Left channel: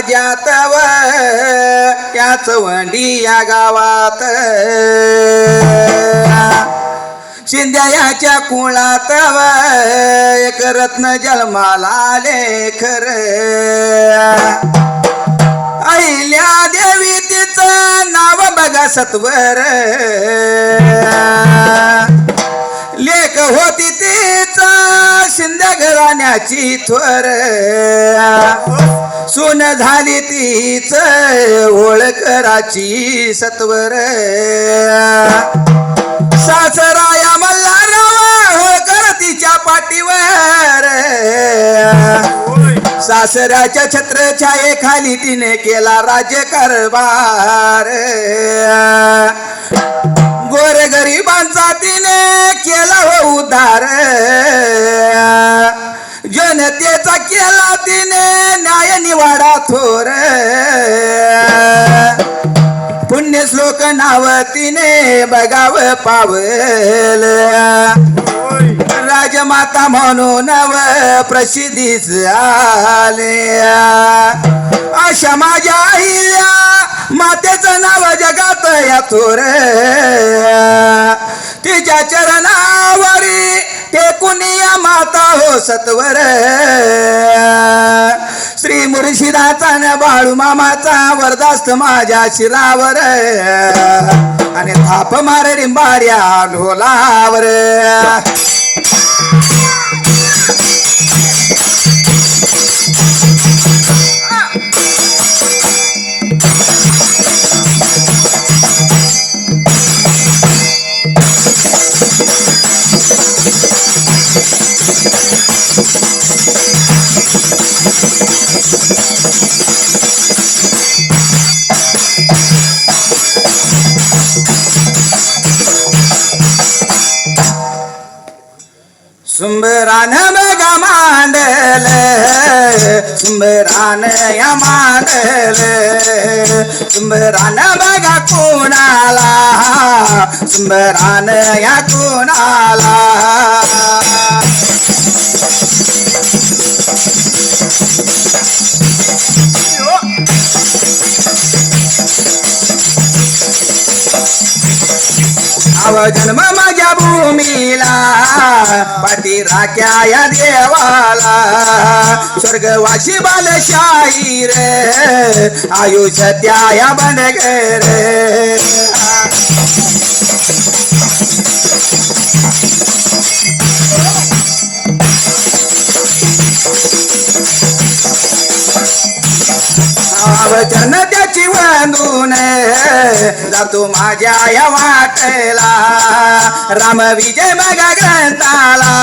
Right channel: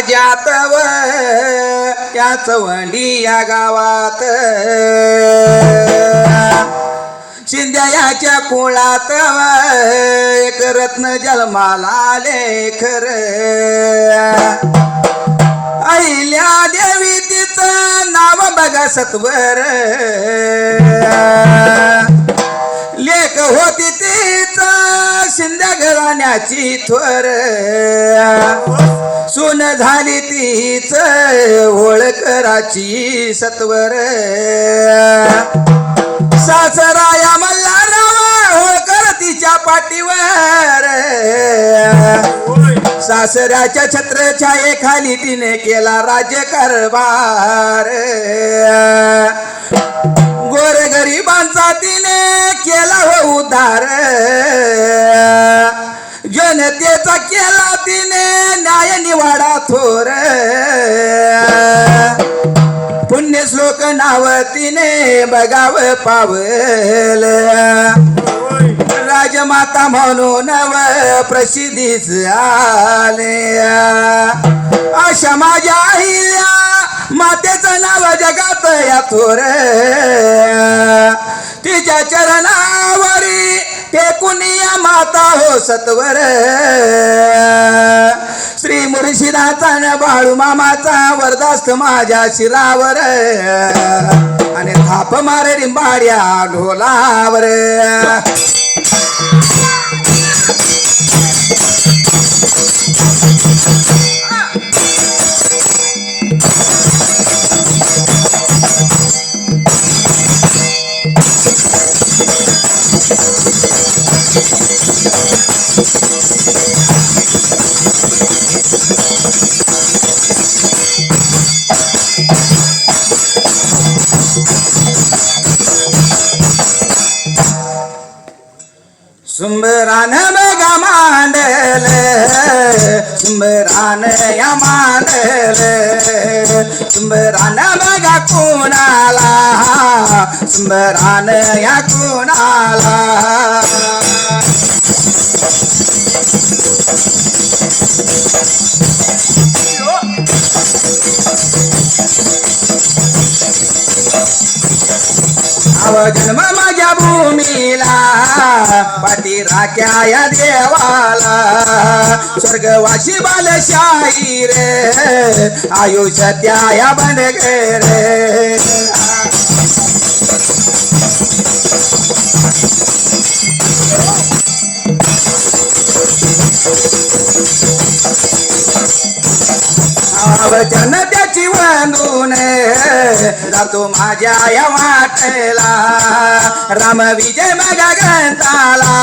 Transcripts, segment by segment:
राज्यात व या चवंडी या गावात शिंद्याच्या कुळात व एक रत्न जन्माला आले खर अहिल्या देवी तिचं नाव बघा सत्वर लेख होती तीच शिंदे घराण्याची थोर सून झाली तीच ओळखराची सत्वर सासराया मल्हार होळकर तिच्या पाठीवर सासऱ्याच्या छत्रछायेखाली तिने केला राज्यकारभार गोरगरिबांचा तिने केला हो उद्धार जनतेचा केला तिने न्याय निवाडा थोर पुण्य श्लोक नाव तिने बघाव पावल राजमाता म्हणून प्रसिद्धीच आले अशा माझ्या अहिल्या मातेचं नाव जगात या थोर तिच्या चरणावरी टेकुनी माता हो सत्वर श्री मुर्शिदाचा न बाळू मामाचा वरदास्त माझ्या शिरावर आणि थाप मारे रिंबाड्या ढोलावर सुंबरान बघा मांडल सुंबरान या मांडल सुंबरान बघा कोणाला सुंबरान या कोणाला जन्म माझ्या भूमीला पाठी राख्या या देवाला स्वर्गवासी बालशाही रे आयुष्य त्या या बनगर वचन त्याची वांधून जातो माझ्या या वाटेला राम विजय बघा ग्रंथाला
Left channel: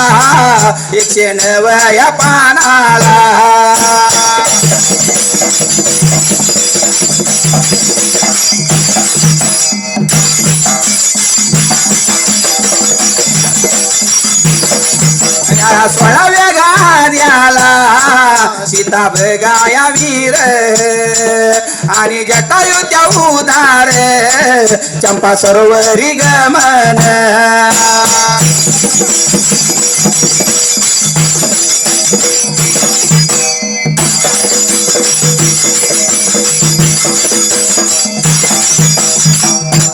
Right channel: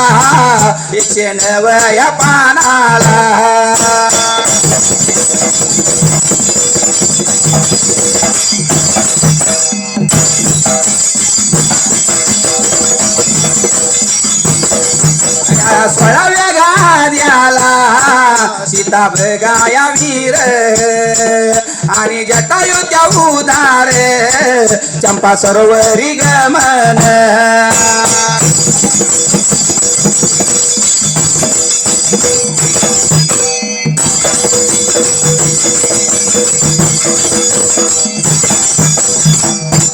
109 या पानाला16व्या गाद्याला सीता बघाया वीर आणि जटायू त्या उदार चंपा सरोवरी गमन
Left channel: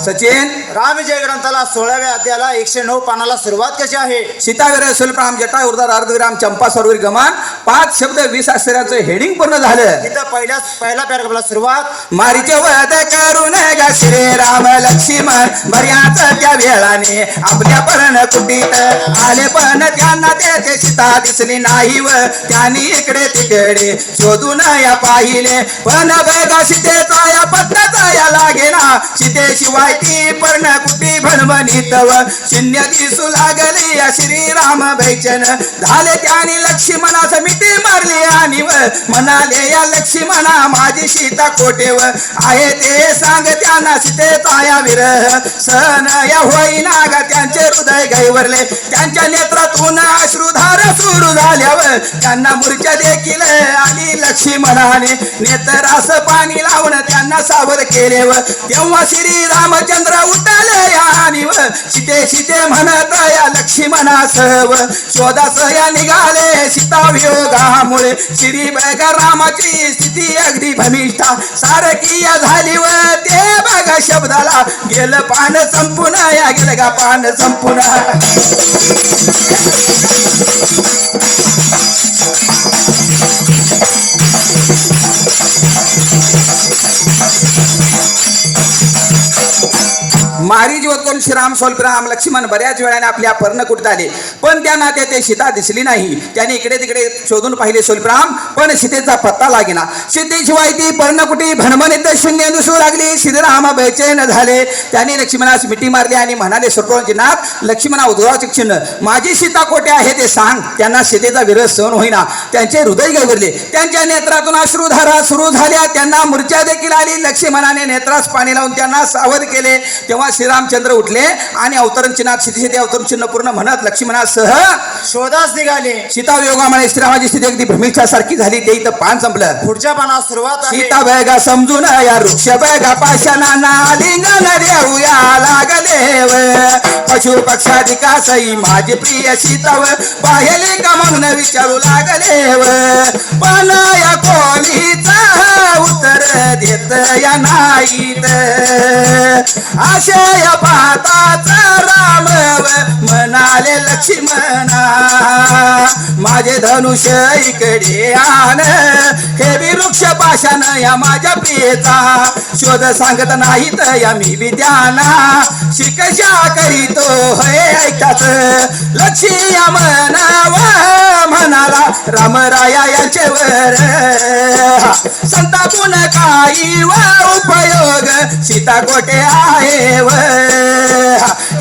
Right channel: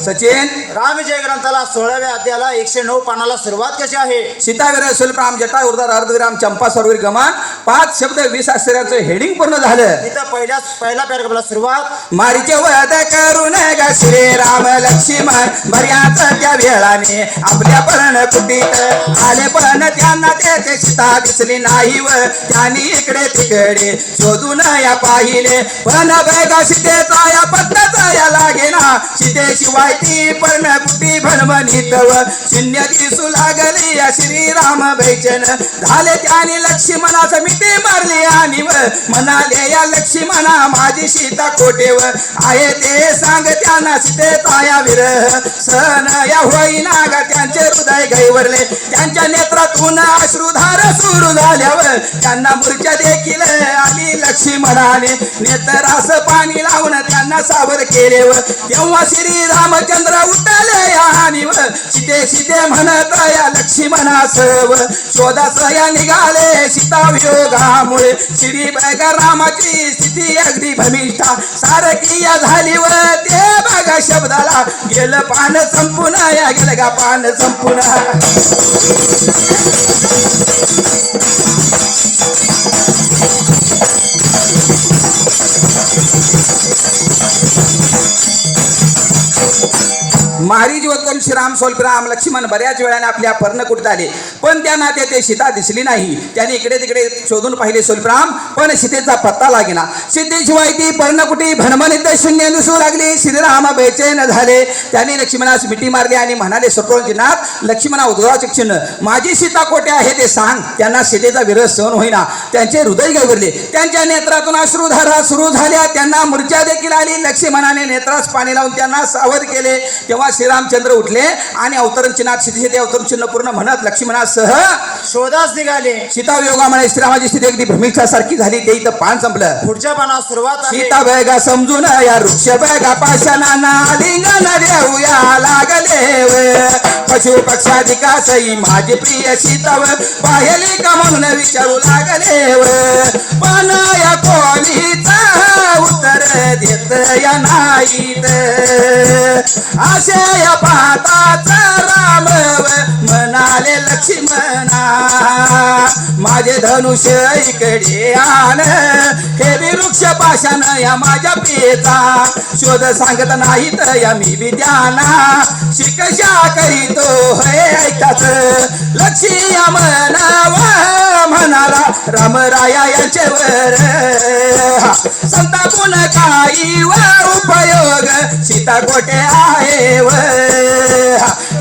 सचिन रामविजय ग्रंथाला 16व्या अध्यायाला 109 पानाला सुरुवात कशी आहे? सीताग्रह सुलप्राम जटा उदार अर्धविराम चंपा सरोवरी गमन 5 शब्द 20 अक्षराचं हेडिंग पूर्ण झालं. इथं पहिला पॅराग्राफला सुरुवात मारीचे वध करून ग श्री राम लक्ष्मण बऱ्याच त्या वेळाने आपल्या पर्ण कुटीत आले पण त्यांना तेथे सीता दिसली नाही व त्यांनी इकडे तिकडे शोधून या पाहिले पण बघा सीतेचा या पत्नाचा या लागेना सीतेशिवाय ती पर्ण कुटी भणभणीत व शून्य दिसू लागली श्रीराम भैचन झाले त्यांनी लक्ष्मणास मिठी मारली आणि व म्हणाले या लक्ष्मणा माझी सीता कोटेव आहे ते सांग त्यांना सीतेचा या विरह सहन या होईना ग त्यांचे हृदय गैवरले त्यांच्या नेत्रातून अश्रुधार सुरू झाल्यावर त्यांना मूर्छा देखील आली लक्ष्मणाने नेत्रास पाणी लावून त्यांना सावध केले व तेव्हा श्री रामचंद्र उठले आणि व सीते सीते म्हणत या लक्ष्मणासव शोधास या निघाले सीता वियोगामुळे श्री रामाची स्थिती अगदी भमी तारकीय झाली व ते बघा शब्दाला गेलं पान संपून या गेलं का पान संपून मारी ज्योतन श्रीराम सोलराम लक्ष्मण बऱ्याच वेळाने आपल्या पर्णकुटीत आले पण त्या नात्या ते सीता दिसली नाही त्याने इकडे तिकडे शोधून पाहिले सोलराम पण सीतेचा पत्ता लागेना सीतेशिवाय ती पर्णकुटी भणभणीत शून्य दिसू लागली श्रीराम बेचैन झाले त्यांनी लक्ष्मणास मिठी मारली आणि म्हणाले सोपवंजीनाथ लक्ष्मणा उद्गावाचे चिन्ह माझी सीता कोठे आहे ते सांग त्यांना सीतेचा विरह सहन होईना त्यांचे हृदय गैरले त्यांच्या नेत्रातून अश्रुधारा सुरू झाल्या त्यांना मूर्छा देखील आली लक्ष्मणाने नेत्रास पाणी लावून त्यांना सावध केले तेव्हा श्रीरामचंद्र उठले आणि अवतरण चिन्हात सीते अवतरण चिन्ह पूर्ण म्हणत लक्ष्मणासह शोधास निघाले सीता वियोगामुळे श्रीरामाची स्थिती अगदी भ्रमिष्ठा सारखी झाली ते इथं पान संपलं पुढच्या पानास सुरुवात आहे सीता बघा समजून या वृक्ष बघा पाशाना लिंगन देऊया लागले पशु पक्षाधिका सई माझी प्रिय सीताव पाहिले का म्हणून विचारू लागले पण या कोणीचा उत्तर देत या नाहीत असे या पाताचा राम म्हणाले लक्ष्मणा माझे धनुष्य इकडे आण हे वृक्ष पाशान या माझ्या प्रियेचा शोध सांगत नाहीत या मी विद्याना शिकशा करीतो हे ऐकाच लक्ष्मण म्हणाला रामराया यांच्यावर संतापून काही व उपयोग सीता कोठे आहे व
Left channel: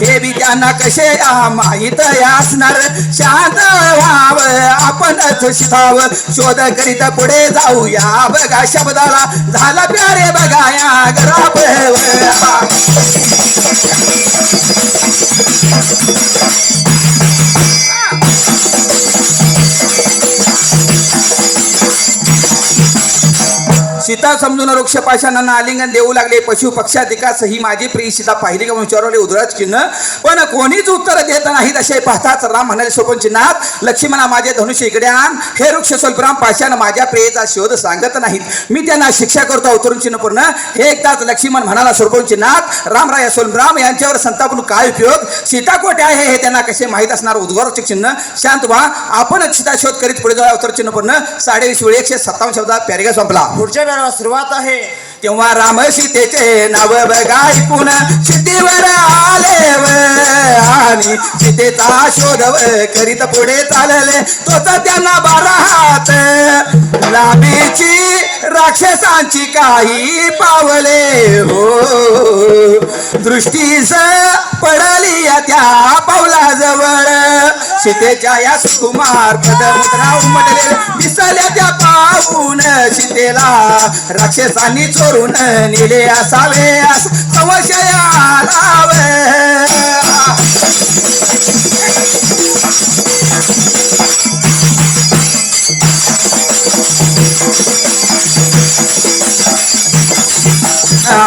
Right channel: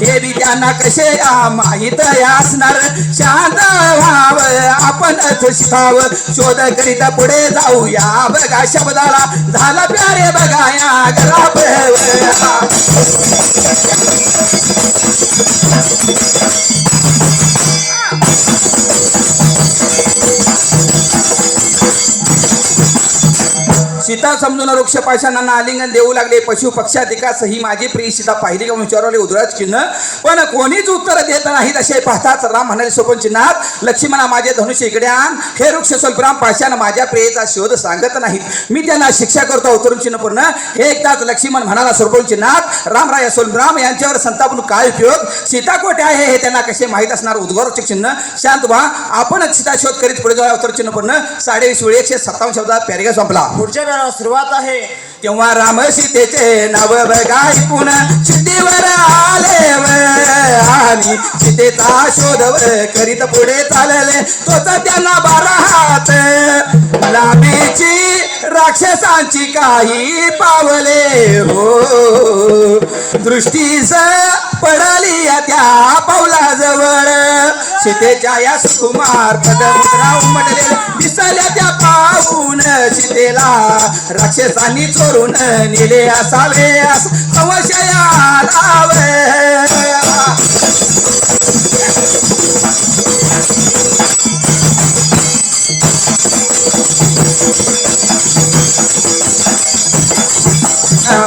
हे बी त्यांना कसे माहित असणार शांत व्हाव आपण शिकाव शोध करीत पुढे जाऊया बघा शब्दाला झाला प्यारे बघा या घराब सीता समजून वृक्ष पाशांना आलिंगन देऊ लागले पशु पक्षाधिकास ही माझी प्रिय सीता पाहिली का विचारवले उदराच चिन्ह पण कोणीच उत्तर देत नाहीत असे पाहताच राम म्हणाले सोपन चिन्हात लक्ष्मणा माझे धनुष्य इकडे आण हे वृक्ष स्वल्पराम पाशान माझ्या प्रियेचा शोध सांगत नाहीत मी त्यांना शिक्षा करतो अवतरण चिन्ह पूर्ण हे एकदाच लक्ष्मण म्हणाला सोपन चिन्हात रामराय स्वल्पराम यांच्यावर संतापून काय उपयोग सीता कोठे आहे हे त्यांना कसे माहीत असणार उद्गारचे चिन्ह शांत व्हा आपण सीता शोध करीत पुढे जाऊ अवतरण चिन्ह पूर्ण 20 वेळी 157 शब्दात पॅरेग्राफ संपला पुढच्या वेळेला सुरुवात आहे तेव्हा राम सीतेचे नाव बघा ऐकून सीतेवर आले आणि सीतेचा शोध करीत पुढे चालले तोच त्यांना 12 हात लांबीची राक्षसांची काही पावले हो दृष्टीस पडली त्या पावलाजवळ सीतेच्या या सुकुमार पदमुद्रा उमटले दिसल्या त्या पाहून सीतेला राक्षसांनी चोरून नेले असावे संशय आलावे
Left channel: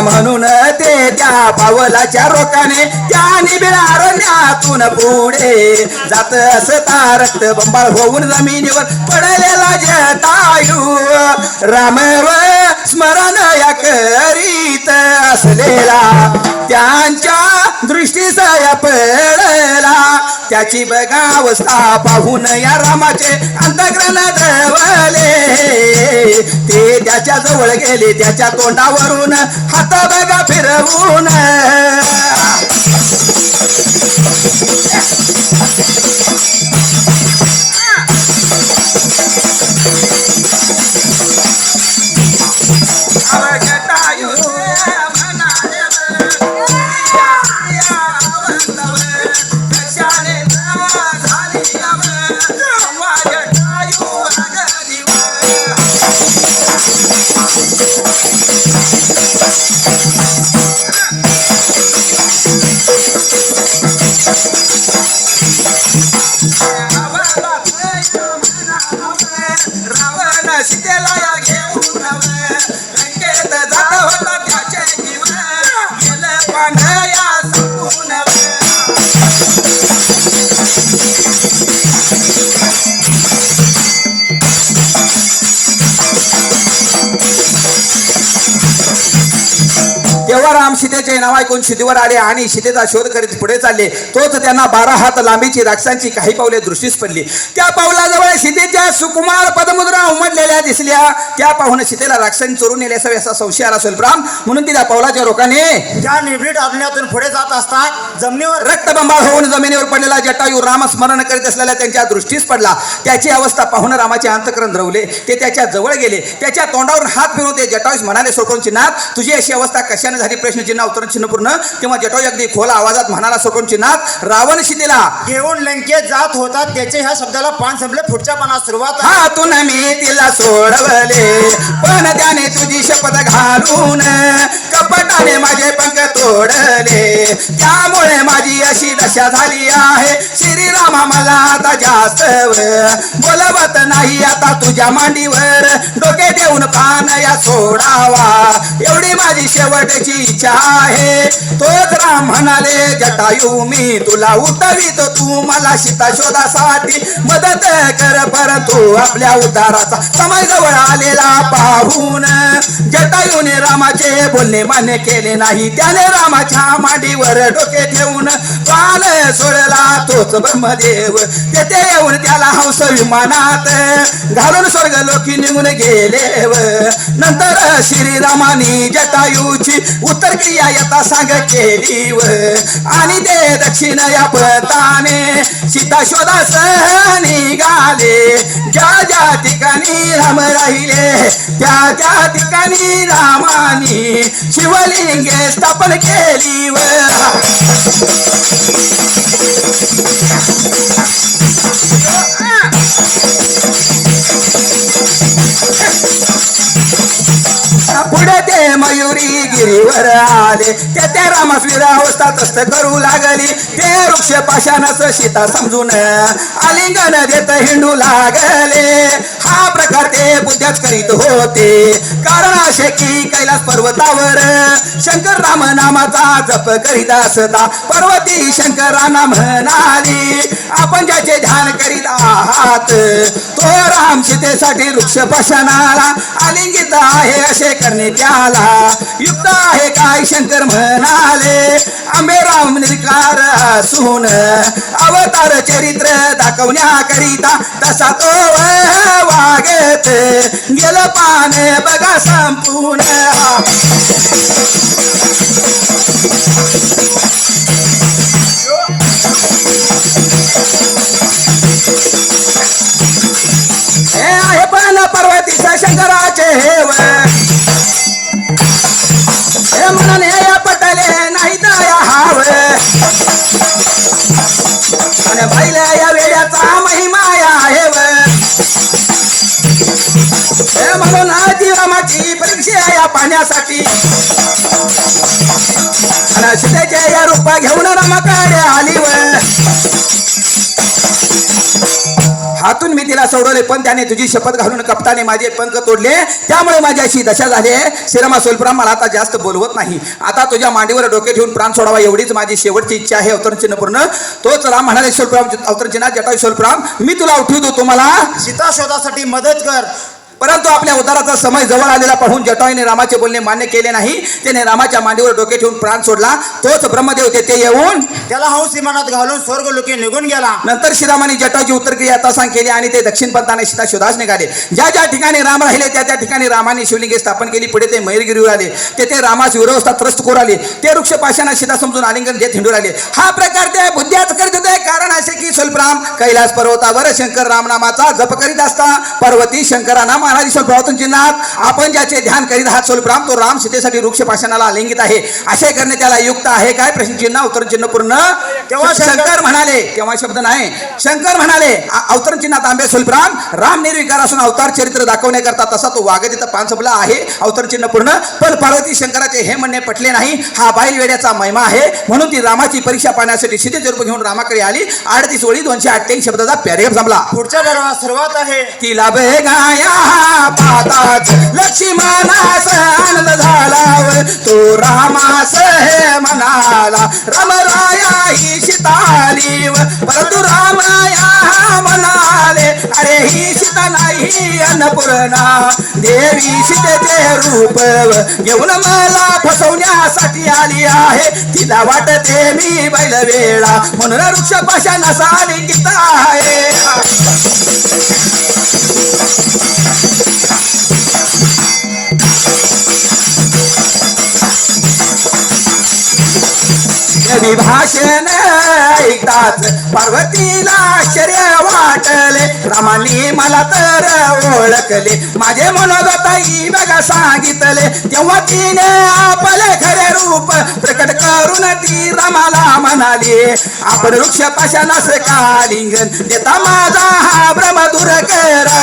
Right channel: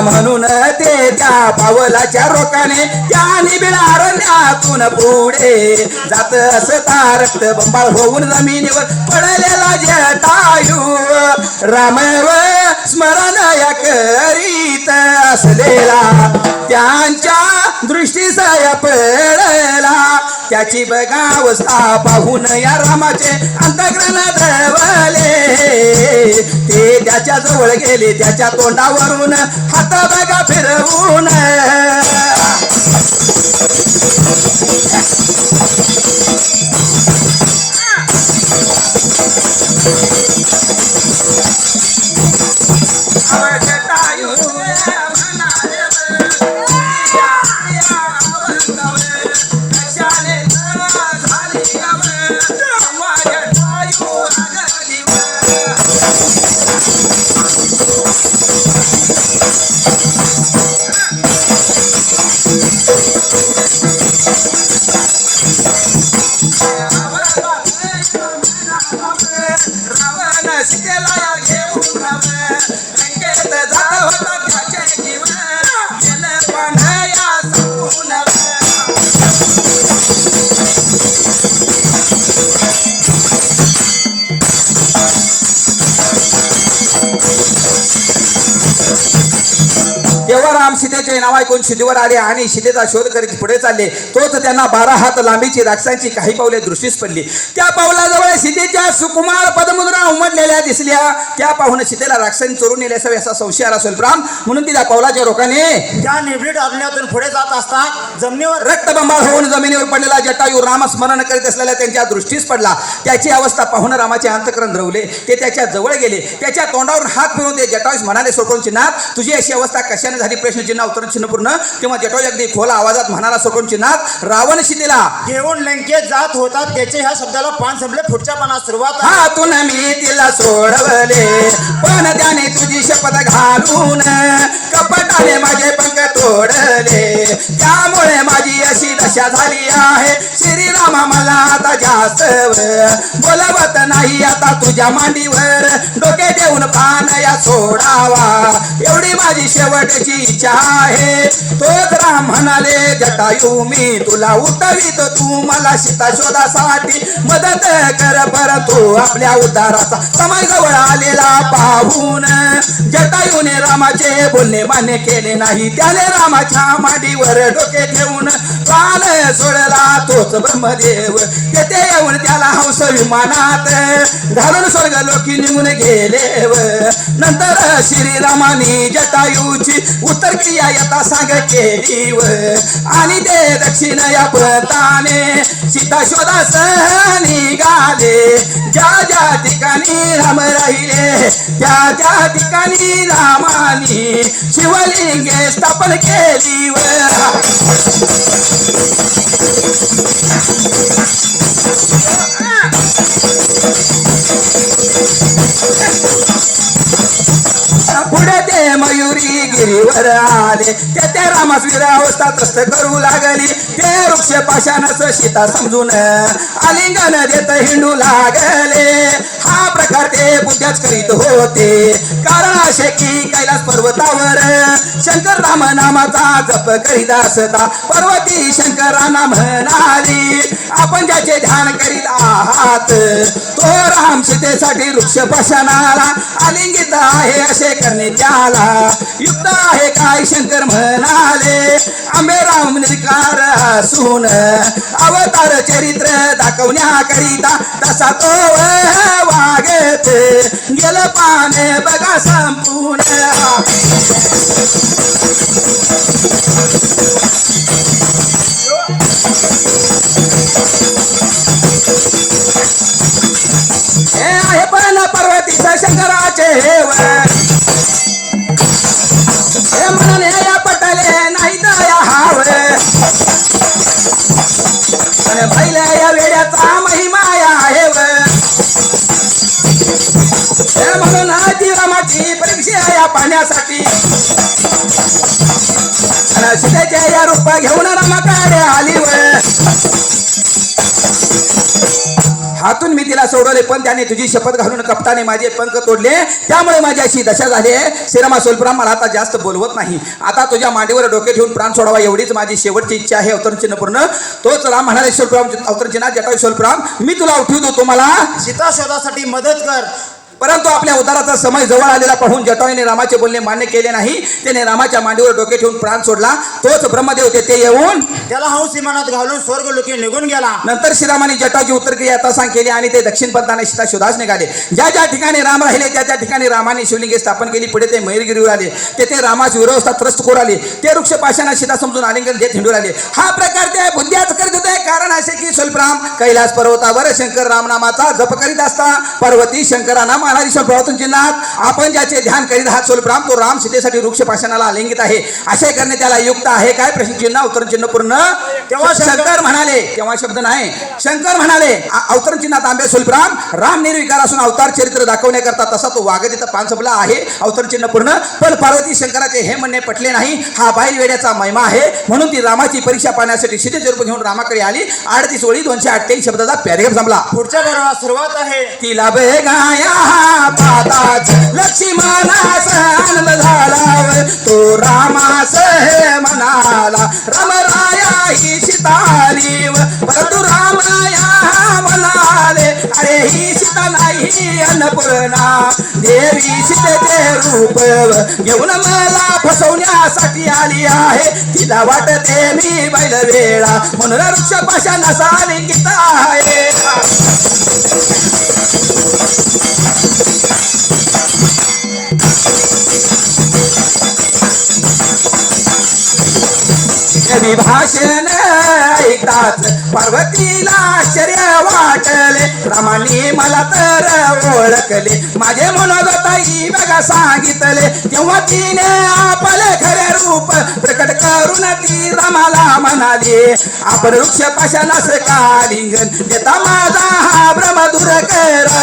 म्हणून ते त्या पावलाच्या रोकाने त्याने बिळारण्यातून पुढे जात असता रक्त बंबाळ होऊन जमिनीवर पडलेला जटायू रामव स्मरण या करीत असलेला त्यांच्या दृष्टीस पडला त्याची बघा अवस्था पाहून या रामाचे अंतःकरण धवले ते त्याच्या जवळ गेले त्याच्या तोंडावरून हात बघा फिरवून रावण शिकेला घेऊ तेव्हा राम सीतेचे नाव ऐकून शिदीवर आले आणि सीतेचा शोध करीत पुढे चालले. तोच त्यांना 12 हात लांबीची राक्षसांची काही पावले दृष्टीस पडली. त्या पावलाजवळ सीतेच्या सुकुमार पदमुद्रा उमटलेल्या दिसल्या. त्या पाहून सीतेला राक्षसांनी चोरून नेले असावे असा संशय आला स्वल्पराम. म्हणून तिला पावलाच्या रोखाने त्या निवडीत अरण्यातून पुढे जात असतात जमिनीवर रक्तबंबाळ होऊन जमिनीवर पडलेला जटायू राम स्मरण करीत असलेला त्यांच्या दृष्टीस पडला. त्याची अवस्था पाहून रामाचे अंतःकरण द्रवले. ते त्याच्या जवळ गेले. त्याच्या तोंडावर हात फिरवून ते जटायूस म्हणाले सोडून चिन्हात तुझी अशी अवस्था कशाने झाली प्रश्नचिन्ह उत्तरचिन्ह पूर्ण. तेव्हा जटायू अगदी खोल आवाजात म्हणाला सोडून चिन्हात रावण सीतेला घेऊन लंकेत जात होतात त्याचे ह्या शब्दाला पान संपले. पुढच्या पानात सुरुवात आहे. हातून मी तिला सोडवले पण त्याने तुझी शपथ घालून कपटाने माझे पंख तोडले. त्यामुळे माझी अशी दशा झाली आहे. श्रीरामा मला आता जास्त बोलवत नाही आता तुझ्या मांडीवर डोके देऊन पान या सोडावा एवढी माझी शेवटची इच्छा आहे. तोच राम म्हणाले जटायू मी तुला उठवीत तू मला सीता शोधासाठी मदत कर. परंतु आपल्या उद्धाराचा समय जवळ आलेला पाहून जटायूने रामाचे बोलणे मान्य केले नाही. त्याने रामाच्या मांडीवर डोके ठेवून पान सोडला तोच ब्रह्मदेव. तेथे येऊन त्याला हंस विमानात घालून स्वर्ग लोकी निघून गेले. नंतर श्रीरामानी जटायूची उत्तर क्रिया यथा सांग केली आणि ते दक्षिण या पताने सीता शोधास निघाले. ज्या ज्या ठिकाणी राम राहिले त्या त्या ठिकाणी रामानी शिवलिंगे स्थापन केली. पुढे ते मयुरी गिरीवर आले. ते रामास विरावस्था तस्त करू लागली. ते वृक्ष पाशानच सीता समजून आलिंगन देत हिंडू लागले. हा प्रकार ते बुद्ध्याच करीत होते. कारण असे की कैलास पर्वतावर शंकर राम नामाचा जप करीत असता पर्वती शंकरांना म्हणाली आपण ज्याचे ध्यान करीत आहात तो राम सीतेसाठी वृक्ष पाशानाला आलिंगित आहे असे करणे त्याला युक्त आहे काय. शंकर म्हणाले आंबे राम निर्विकार असून अवतार चरित्र दाखवण्याकरिता तसा तो वागत गेलं पाने बघा संपूर्ण. हे आहे पण पर्वतीश शंकराचे हेव हे म्हणून हे पटले नाही तर हाव आणि पहिल्या या वेळाचा महिमा आहे म्हणून जीवनाची परीक्षा या पाण्यासाठी सीतेच्या या रूपा घेऊन रमाकडे आली. हातून मी तिला सोडवले पण त्याने तुझी शपथ घालून कपटाने माझे पंख तोडले. त्यामुळे माझी अशी दशा झाली आहे. श्रीरामा स्वल्पराम मला आता जास्त बोलवत नाही. आता तुझ्या मांडीवर डोके ठेवून प्राण सोडावा एवढीच माझी शेवटची इच्छा आहे. अवतरणचिन्ह पूर्ण. तोच राम म्हणाले स्वल्पराम अवतरणचिन्ह जटायू स्वल्पराम मी तुला उठवतो तुम्हाला सीता शोधासाठी मदत कर. परंतु आपल्या उद्धाराचा समय जवळ आलेला पाहून जटायूने रामाचे बोलणे मान्य केले नाही. त्याने रामाच्या मांडीवर डोके ठेवून प्राण सोडला. तोच ब्रह्मदेव तेथे येऊन त्याला हंस विमानात घालून स्वर्ग लोकी निघून गेला. नंतर श्रीरामाने जटाची उत्तरक्रिया तसांग केली आणि ते दक्षिण पंथाने सीता शोधास निघाले. ज्या ज्या ठिकाणी राम राहिले त्या त्या ठिकाणी रामाने शिवलिंगे स्थापन केली. पुढे ते मयूरगिरीवर आले. तेथे रामास विरोवस्था त्रस्त करू आले. ते वृक्ष पाशाना सीता समजून आलिंगन देत हिंडू आले. हा प्रकार ते बुद्ध्याच करत होते. कारण असे की स्वल्पराम कैलास पर्वतावर शंकर राम नामाचा जप करीत असता पर्वती शंकरांना महाराज स्वल्परातून आपण ज्याचे ध्यान करीत आहात स्वल्पराम तो राम सीतेसाठी वृक्ष पाशानाला आलिंगित आहे असे करणे त्याला युक्त आहे काय. प्रश्नचिन्ह उत्तरचिन्ह पूर्ण. तेव्हा शंकर म्हणाले तेव्हा शब्द नाही शंकर म्हणाले अवतरणचिन्हात आंबे स्वल्पराम राम निर्विकार असून अवतार चरित्र दाखवण्याकरता तसा तो वागत इथं पान संपला आहे. अवतरणचिन्ह पूर्ण. पण पार्वती शंकराचे हे म्हणणे पटले नाही. हा बाईल वेड्याचा महिमा आहे म्हणून ती रामाची परीक्षा पाहण्यासाठी सीतेचे रूप घेऊन रामाकडे आली. 38 ओळी 288 शब्दाचा पॅरेग्राफ संपला. पुढच्या पर्वात सुरुवात आहे. तिला बेगाया पाताच लक्ष्मणास आनंद झाला तो रामास हे म्हणाला रामराया ही सीताली परंतु रामाया म्हणाले अरे ही सीता नाही अन्नपूर्णा देवी सीतेचे रूप घेऊन मला फसवण्यासाठी आली आहे. तिला वाटते मी बैल वेळा म्हणून वृक्ष पाशाला लिंगित आहे. कधी भाषण ऐकताच पार्वतीला आश्चर्य वाटले. रामानी मला तर ओळखले, माझे मनोगताई बघा सांगितले. तेव्हा तिने आपले खरे रूप प्रकट करून ती रामाला म्हणाली, आपण वृक्ष पाशालाच का लिंगन देता माझा हा भ्रम दूर करा.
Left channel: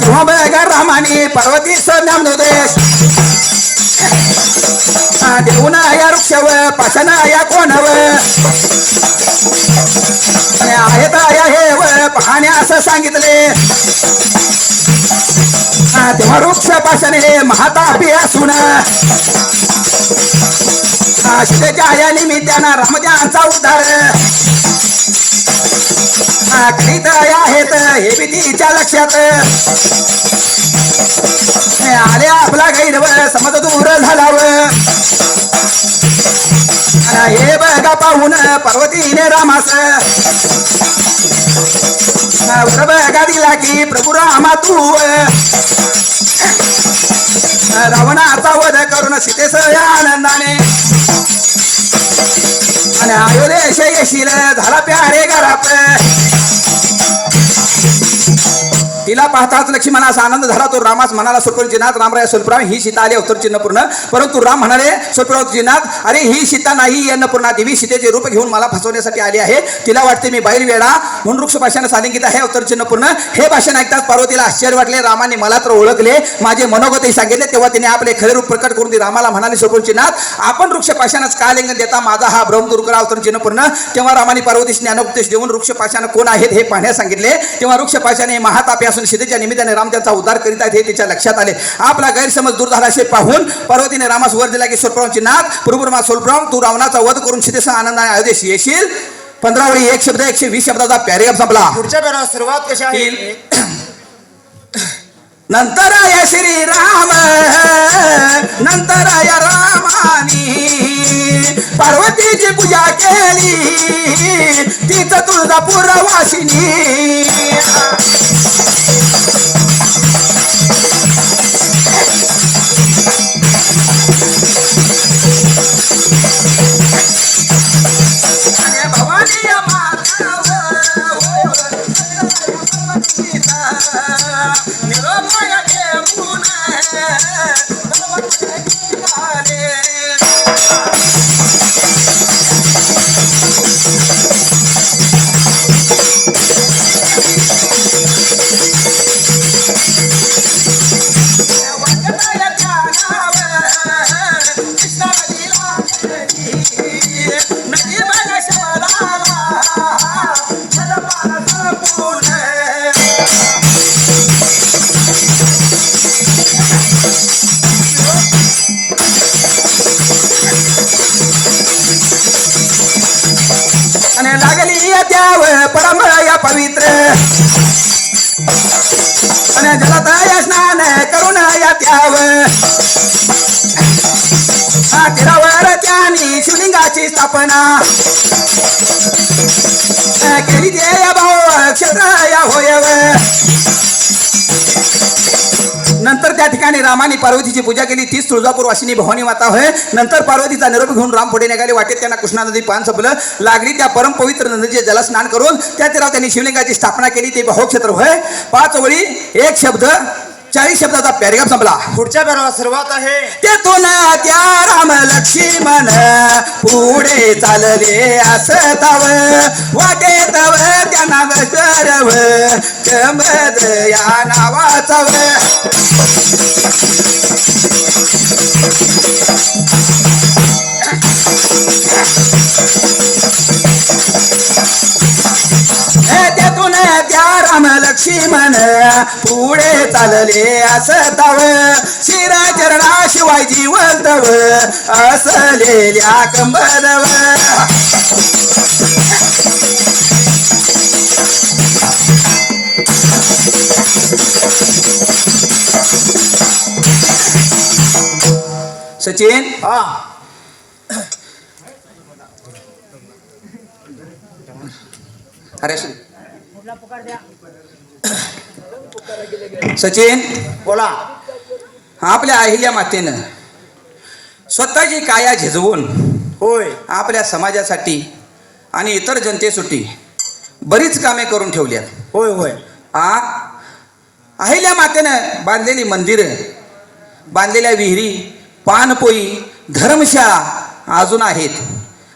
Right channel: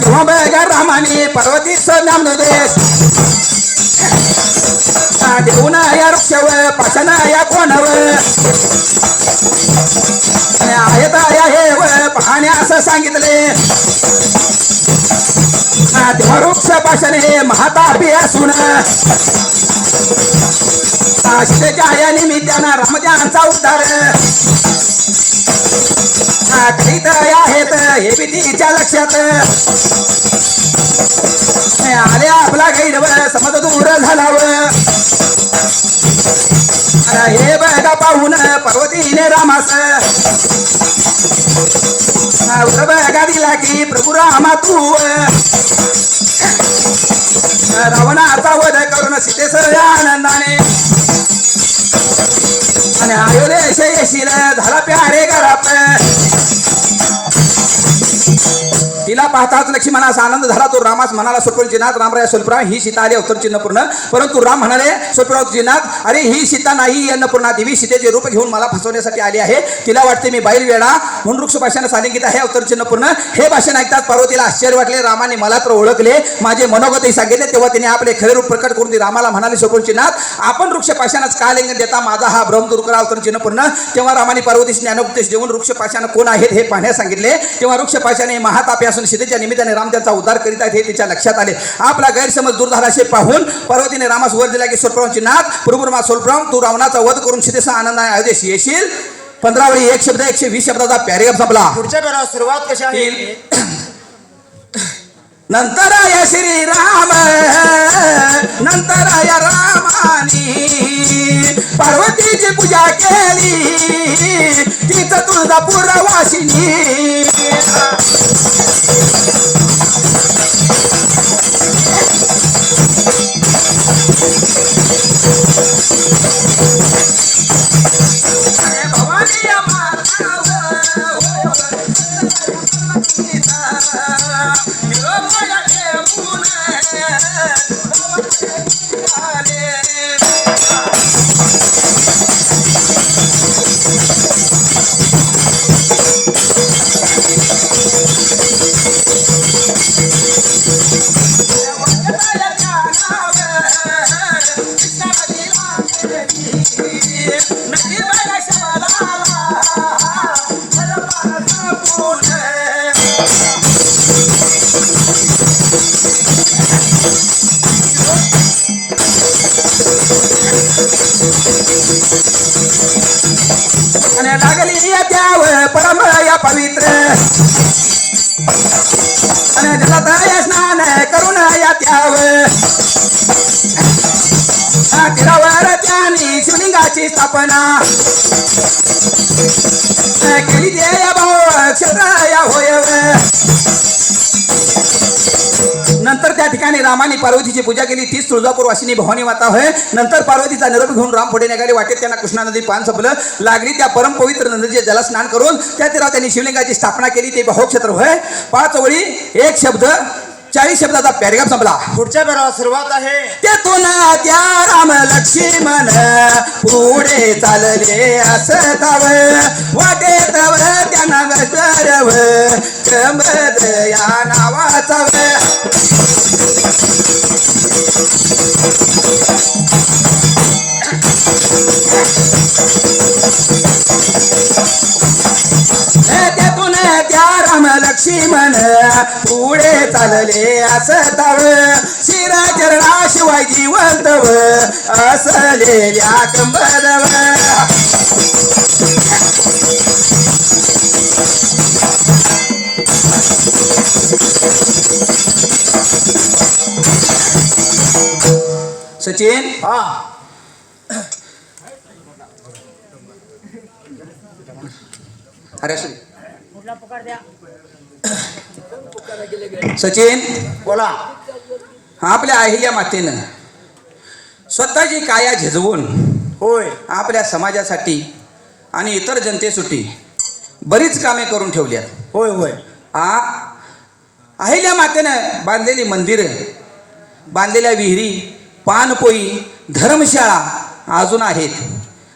तेव्हा बघा रामाने पार्वतीस ज्ञानोदेश देऊन या वृक्षावर पाशान या कोणावर आहेत या हे पाहणे असं सांगितले. तेव्हा वृक्ष पाशाने महातापी असून सीतेच्या या निमित्तानं रामदेवांचा उद्धार करीत आहेत हे बी तिच्या लक्षात आले. आपला गैरवर समज दूर झालावं हे बघा पाहून पार्वतीने रामास बघा दिला की प्रभू रामा तू रावणाचा वध करून सीतेस आनंदाने आणि अयोध्येश येशील झाला प्यारे घरात. तिला पाहताच लक्ष्मणाचा आनंद झाला. तो रामास म्हणाला, स्वप्नचिन्हात रामराय स्वल्परा ही सीता आली अवतर चिन्हपूर्ण. परंतु राम म्हणाले स्वप्नचिन्हात, अरे ही सीता नाही, अन्नपूर्णा देवी सीतेचे रूप घेऊन मला फसवण्यासाठी आली आहे. तिला वाटते मी बैल वेडा म्हणून वृक्ष भाषण सालिंगित आहे अवतर चिन्हपूर्ण. हे भाषण ऐकताच पार्वतीला आश्चर्य वाटले. रामाने मला तर ओळखले, माझे मनोगतही सांगितले. तेव्हा तिने आपले खरे रूप प्रकट करून ती रामाला म्हणाली, स्वप्नचिन्हात आपण वृक्ष पाशानच का लिंगन देता माझा हा भ्रम दूर करा अवतर चिन्हपूर्ण. तेव्हा रामाने पार्वतीस ज्ञानोपदेश देऊन वृक्ष पाशान कोण आहेत हे पाहण्यास सांगितले. तेव्हा वृक्ष पाशाने महातापी सीतेच्या निमित्ताने राम त्यांचा उद्धार करीत आहेत हे तिच्या लक्षात आले. आपला गैरसमज दूर झाला असे पाहून पार्वतीने रामास वर दिला की स्वल्परामचिन्हात प्रभुरमा स्वल्पराम तू रावणाचा वध करून सीतेचा आनंदाने अयोध्येस येशील. 15 वेळी 1 शब्द 120 शब्दाचा पॅरेग्राफ संपला. पुढच्या पेरावर सुरुवात कशी आहे. नंतर या श्रीराम नंतर या रामानी पार्वतीची पूजा केली तिचं तुळजापूर वासिनी. पवित्र आणि जलतय स्नान करून या त्याव तीरावर त्यांनी शिवलिंगाची स्थापना केली. देय भाव क्षेत्र या होयव. नंतर त्या ठिकाणी रामाने पार्वतीची पूजा केली. तीच तुळजापूर वासिनी भवानी माता होय. नंतर पार्वतीचा निरोप घेऊन राम पुढे निघाले. वाटेत त्यांना कृष्णा नदी पान संपलं. लागली त्या परम पवित्र नदीचे जलस्नान करून त्या तीरावर त्यांनी शिवलिंगाची स्थापना केली. ते बहुक्षेत्र होय. 5 ओळी 1 शब्द 40 शब्दाचा पॅरेग्राफ संपला. पुढच्या पेरावर सुरुवात आहे. तेथून त्या राम लक्ष्मण पुढे चालले असताव वाटेत त्यांना गरव चंबद या नावाचा तेथून त्या राम लक्ष्मण पुढे चालले असताव मंदिर चरणाशिवाय जीवंतव असलेल्या कंबरव सचिन हा अरे सचिन बोला. आपल्या अहिल्या मातेनं स्वतःची काया झिजवून होय आपल्या समाजासाठी आणि इतर जनतेसाठी बरीच कामे करून ठेवल्यात. होय होय आ अहिल्या मातेनं बांधलेली मंदिरं, बांधलेल्या विहिरी, पानपोई, धर्मशाळा अजून आहेत.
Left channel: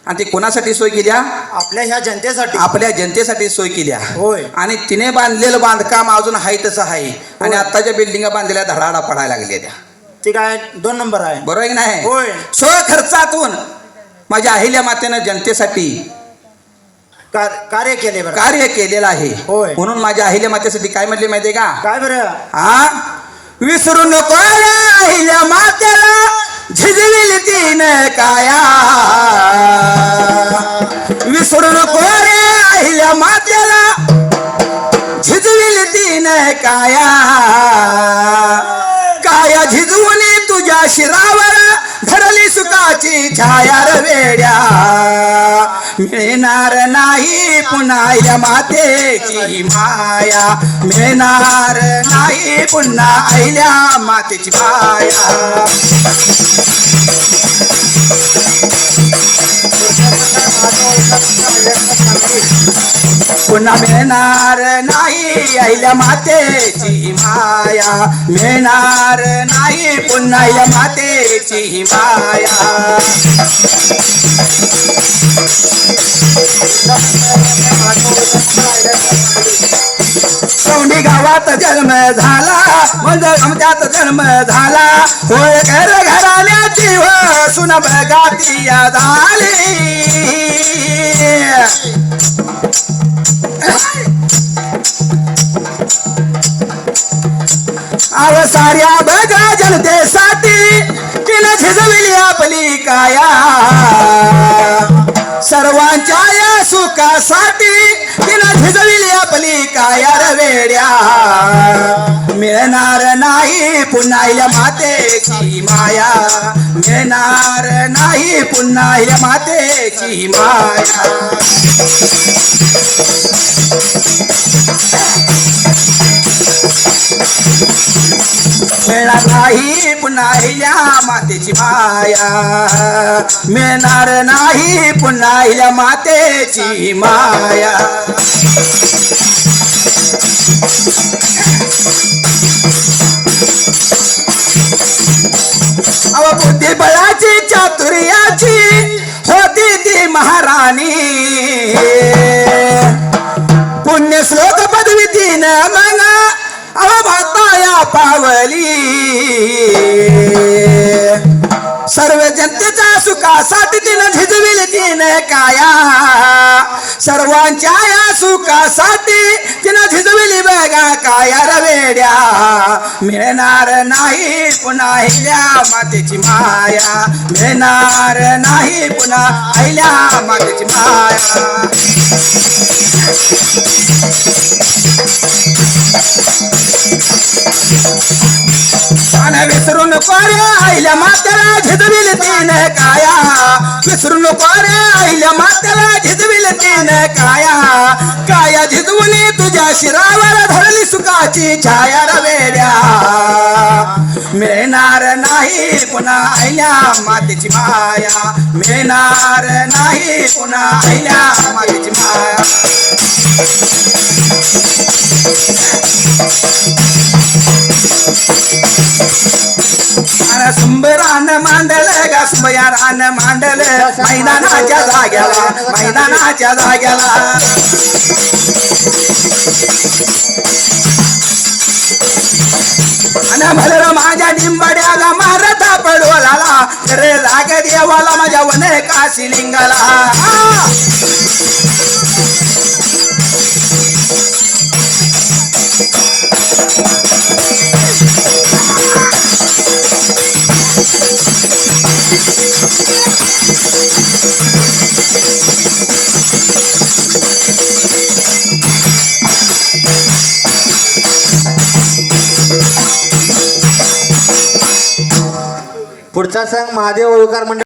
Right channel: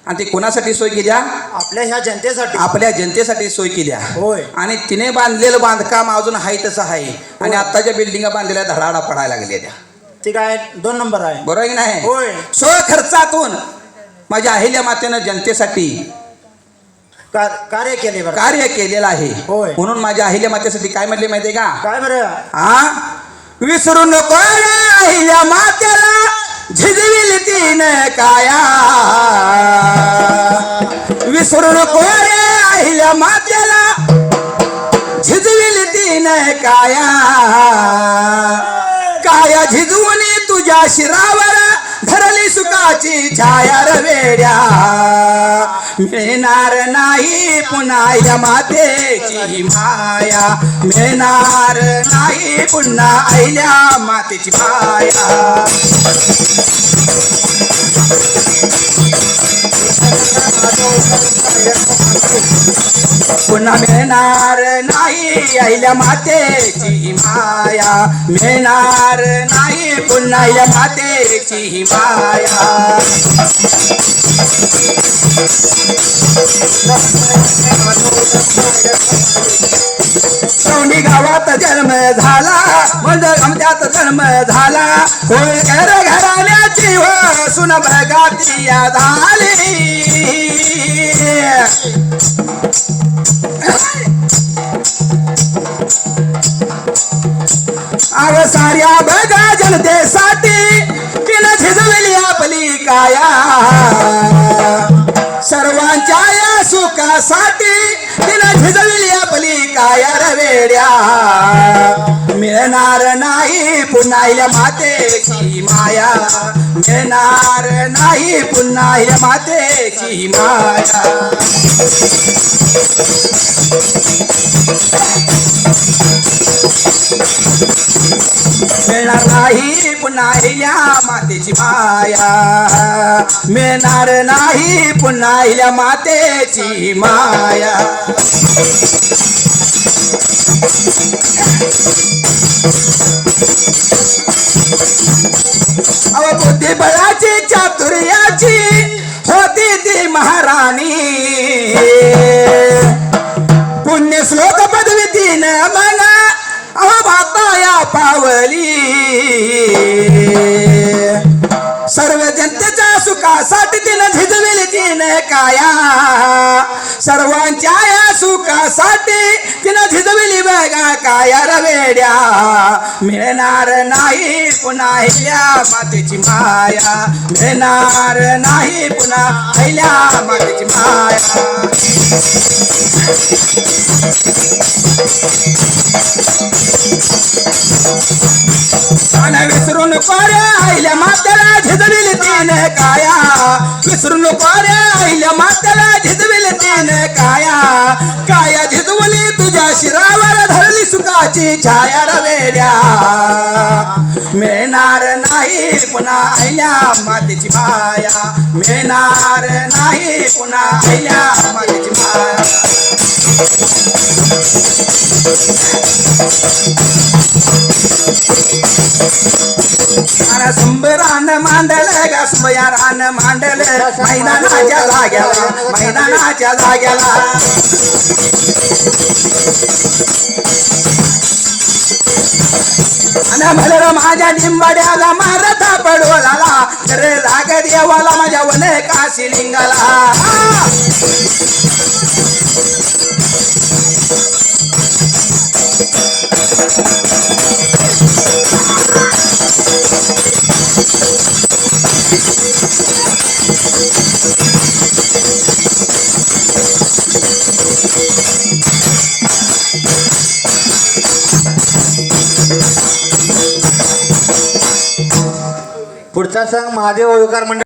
आणि ते कोणासाठी सोय केल्या? आपल्या ह्या जनतेसाठी. आपल्या जनतेसाठी सोय केल्या. होय. आणि तिने बांधलेलं बांधकाम अजून आहे तसं आहे. आणि आत्ताच्या बिल्डिंगा बांधलेल्या धडाडा पडायला लागल्या त्या. ते काय 2 नंबर आहे. बरोबर आहे की नाही? होय. स्वखर्चातून माझ्या अहिल्या मातेनं जनतेसाठी कार्य केले बरं. कार्य केलेलं आहे. होय. म्हणून माझ्या अहिल्या मातेसाठी काय म्हणले माहितीये का? काय बरं? हा विसरू नको रे अहिल्या मातेला झिजविल तीन काया. विसरू नको रे अहिल्या मातेला झिजविल तीन काया. काया झिजवून तुझ्या शिरावर धरली सुखाची छाया रे वेड्या. मिळणार नाही पुन्हा या मातेची माया. मिळणार नाही पुन्हा अहिल्या मातेची माया. पुन्हा मिळणार नाही अहिल्या मातेची माया. मिळणार नाही पुन्हा या मातेची माया. सोंडी गावात जन्म झाला, म्हणजे आमच्यात जन्म झाला. होय घर घराण्याची व सुन बगाती झाली. अव साऱ्या बगा जनतेसाठी तिने झिजविली आपली काया. सर्वांच्या या सुखासाठी तिने झिजविली आपली काया रे वेड्या. मिळणार नाही पुन्हा अहिल्या मातेची माया. मिळणार नाही पुन्हा अहिल्या मातेची माया. मिळणार नाही पुन्हा अहिल्या मातेची माया. मिळणार नाही पुन्हा अहिल्या मातेची माया. अव बुद्धिबळाची चातुर्याची होती ती महाराणी. पुण्य श्लोक पदवी तीन मला अव बापाया पावली. सर्व जनतेच्या सुखासाठी तिनं झिजविली तीन काया. सर्वांच्या या सुखासाठी तिनं झिजविली बघा काया रे वेड्या. मिळणार नाही पुन्हा अहिल्या मातेची माया. मिळणार नाही पुन्हा अहिल्या मातेची माया. आणि विसरू नको रे अहिल्या मातेला झिजविल तीन काया. विसरू नको रे अहिल्या मातेला झिजविल तीन काया. काया झिजवली तुझ्या शिरावर धरली सुखाची छाया रे वेड्या. मिळणार नाही पुन्हा अहिल्या मातेची माया. मिळणार नाही पुन्हा अहिल्या मातेची माया. संबरान मांडल गसमयारान मांडल मैदानाच्या जाग्याला. मैदानाच्या जाग्याला आणि भलर माझ्या डिंबड्याला मारता पडवला. रे राग देवाला माझ्या वने काशी लिंगाला. पुढचा संघ महादेव ओळकर मंडळ